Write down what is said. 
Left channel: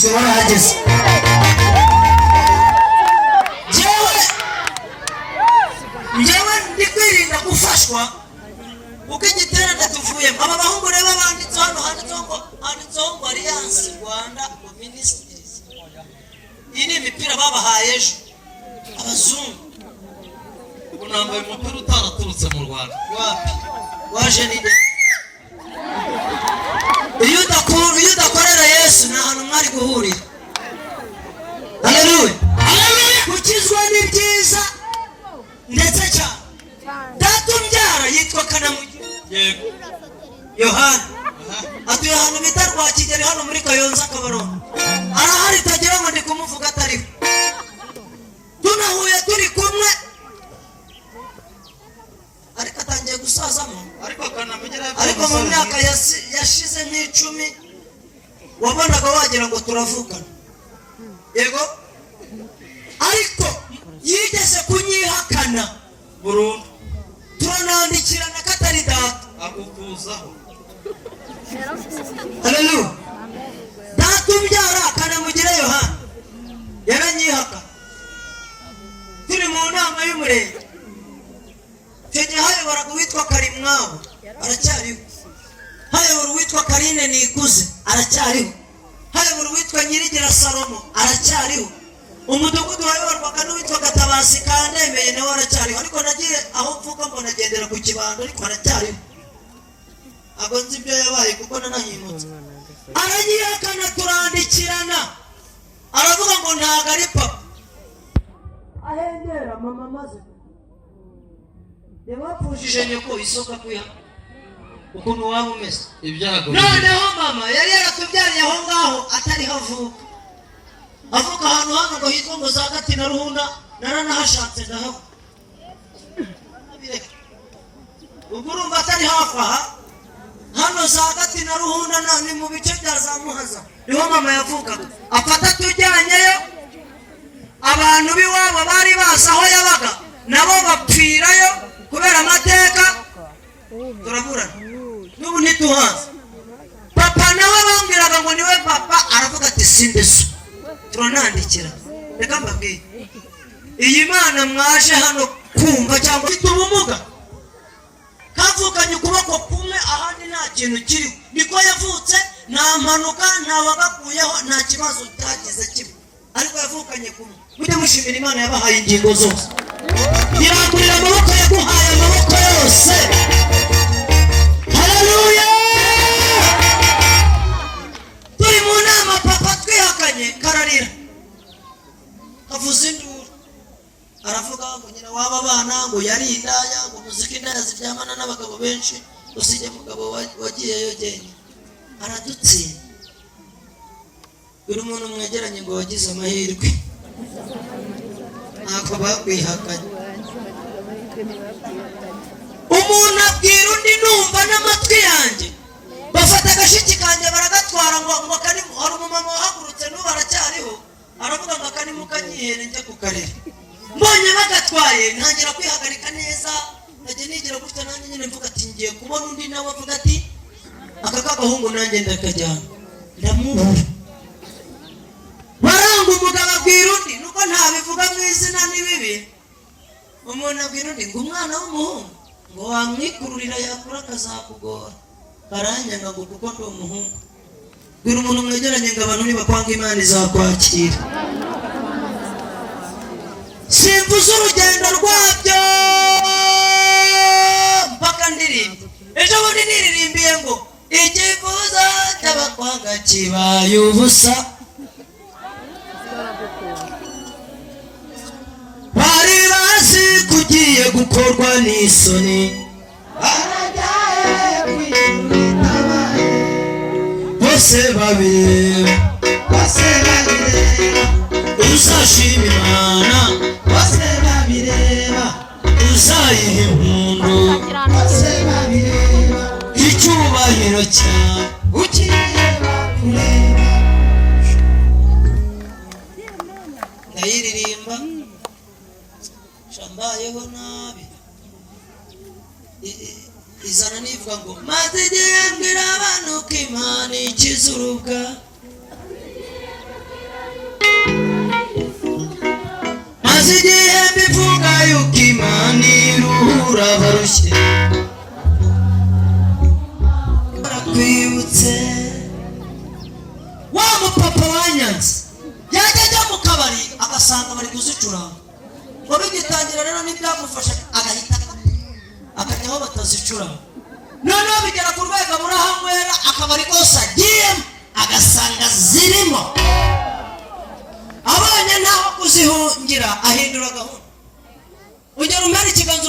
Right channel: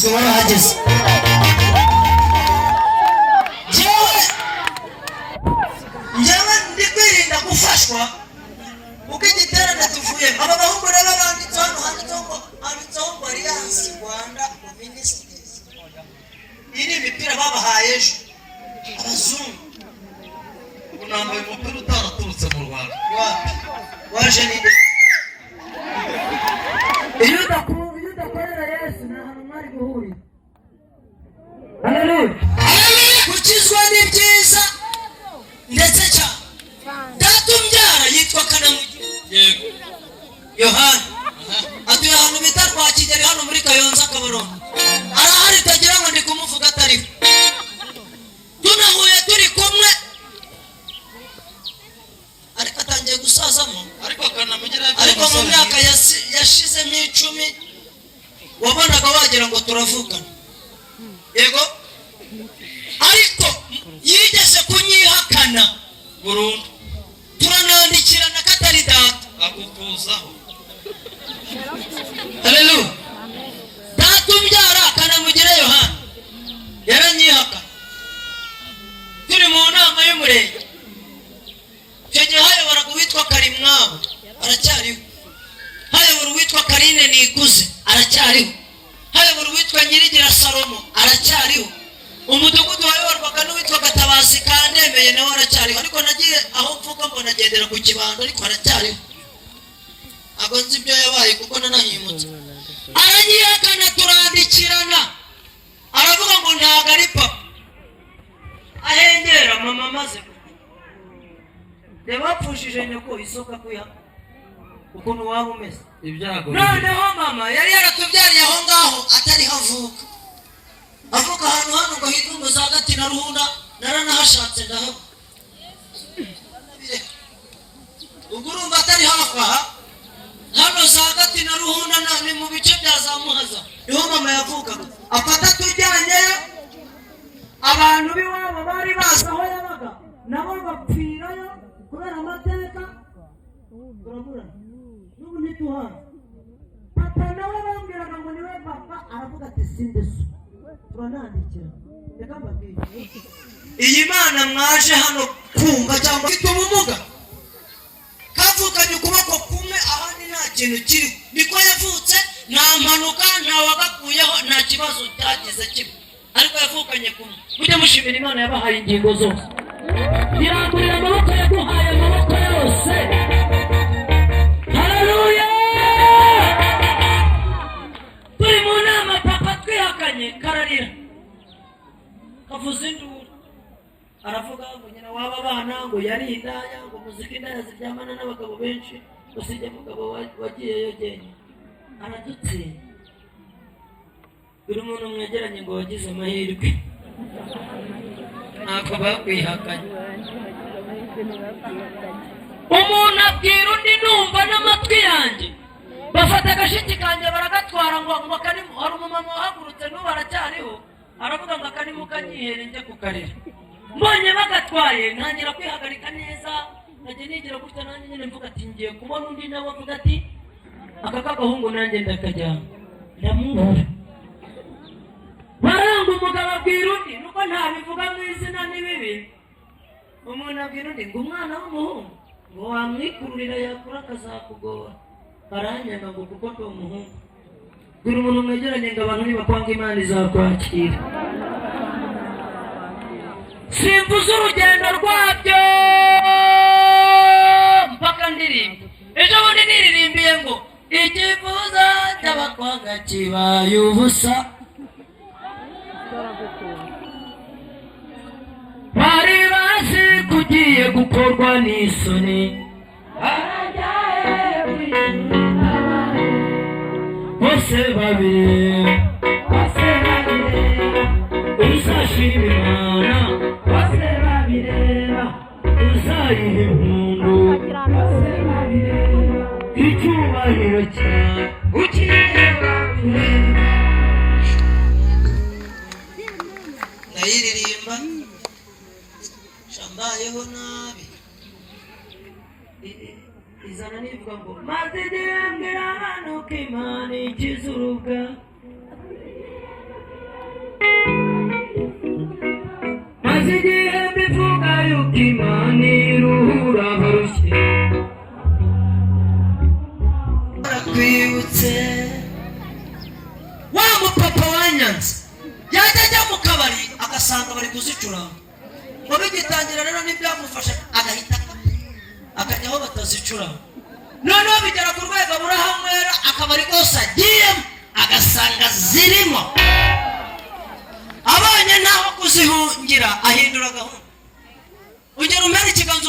abakirisitu barahageze. Njyewe ndi kwirinda gufashwa uko igiterane tuvuyemo. Aba bahungu rero banditse hano handitseho ngo Alliance Rwanda Ministries. Iyi ni imipira babahaye ejo abazungu. Ubu nambaye umupira utaraturutse mu Rwanda. Wapi waje ninde? Iyo udakorera Yesu nta hantu mwari guhurira. Haleluya. Gukizwa ni byiza ndetse cyane. Data umbyara yitwa Kanamugire. Yego. Yohana. Atuye ahantu bita Rwakigeri hano muri Kayonza Kabarongo. Arahari tagira ngo ndi kumuvuga atariho. Tunahuye turi kumwe. Ariko atangiye gusazamo. Ariko mu myaka yashize nk'icumi wabonaga wagira ngo turavugana. Yego. Ariko yigeze kunyihakana burundu. Turanandikirana katari data akutuzaho. Haleluya. Data umbyara Kanamugire Yohana yaranyihakana. Turi mu nama y'umurenge. Icyo gihe hayobora uwitwa Karimwabo aracyariho. Hayobora uwitwa Karine Nikuze aracyariho. Hayobora uwitwa Nyirigira Salomo aracyariho. Umudugudu wayoborwaga n'uwitwa Gatabazi Kandemeye nawe aracyariho. Ariko nagiye aho mvuga ngo nagendera ku kibando ariko aracyariho. Ntabwo nzi ibyo yabaye kuko nanahimutse. Aranyihakana turandikirana. Aravuga ngo ntabwo ari papa. Ahengera mama maze reba pfushije nyoko isoka kwiha ukuntu waba umeze. Ibyago. Noneho mama yari yaratubyariye aho ngaho atari havuka. Avuka ahantu hano ngo hitwa ngo za Gati na Ruhunda naranahashatse ndahaba. Ubwo urumva atari hafi aha. Hano za Gati na Ruhunda ni mu bice bya za Muhaza. Niho mama yavukaga. Afata tujyanyeyo. Abantu b'iwabo bari bazi aho yabaga nabo bapfirayo kubera amateka. Turaburana n'ubu ntituhazi. Papa nawe bambwiraga ngo niwe papa. Aravuga ati sindeso. Turanandikira. Reka mbabwire, iyi Mana mwaje hano kumva cyangwa ufite ubumuga kavukanye ukuboko kumwe ahandi nta kintu kiri. Niko yavutse, nta mpanuka, nta wagakuyeho, nta kibazo utagize kimwe. Ariko yavukanye kumwe. Mujye mushimira Imana yabahaye ingingo zose. Irangurira amaboko yaguhaye amaboko yose. Haleluya. Turi mu nama papa twihakanye kararira. Kavuza induru. Aravuga ngo nyina waba bana ngo yari indaya ngo muziki indaya ziryamana n'abagabo benshi usije mugabo wagiyeyo genda. Aradutsinda. Uri umuntu mwegeranye ngo wagize amahirwe. Ntabwo bakwihakanye. Umuntu abwira undi numva n'amatwi yanjye. Bafata agashiki kanjye baragatwara ngo kari hari umumama wahagurutse n'ubu aracyariho. Aravuga ngo akanimu kanyihere njye kukarira. Mbonye bagatwaye ntangira kwihagarika neza. Najye nigira gutya nanjye nyine mvuga ati ngiye kubona undi nawe avuga ati aka kagahungu nanjye ndakajyana. Ndamubura. Baranga umugabo abwira undi nuko ntabivuga mu izina n'ibibi. Umuntu abwira undi ngo umwana w'umuhungu ngo wamwikururira yakura akazakugora. Baranyanga ngo kuko ndi umuhungu. Bwira umuntu mwegeranye ngo abantu nibakwanga Imana izakwakira. Simvuze urugendo rwabyo mpaka ndirimba. Ejo bundi niririmbiye ngo ikifuzo cy'abakwanga kibaye ubusa. Bari bazi kugiye gukorwa n'isoni. Barajyaye kwitabaye. Bose babireba. Uzashima Imana. Bose babireba. Uzayiha impundu. Bose babireba. Icyubahiro cyawe ukireba kureba. Ndayiririmba shambayeho nabi. Izana nivuga ngo maze igihe mbwira abantu ko Imana ikiza urubwa. maze igihe mbivuga yuko Imana iruhura abarushye. Barakwibutse wa mupapa wanyanze yajya ajya mu kabari agasanga bari kuzicuranga, ngo bigitangira rero n'ibyamufasha agahita akajya aho batazicuranga. Noneho bigera ku rwego burahanywera akabari kose agiyemo agasanga zirimo, abanye naho kuzihungira ahindura gahunda. Ugera umera ikiganza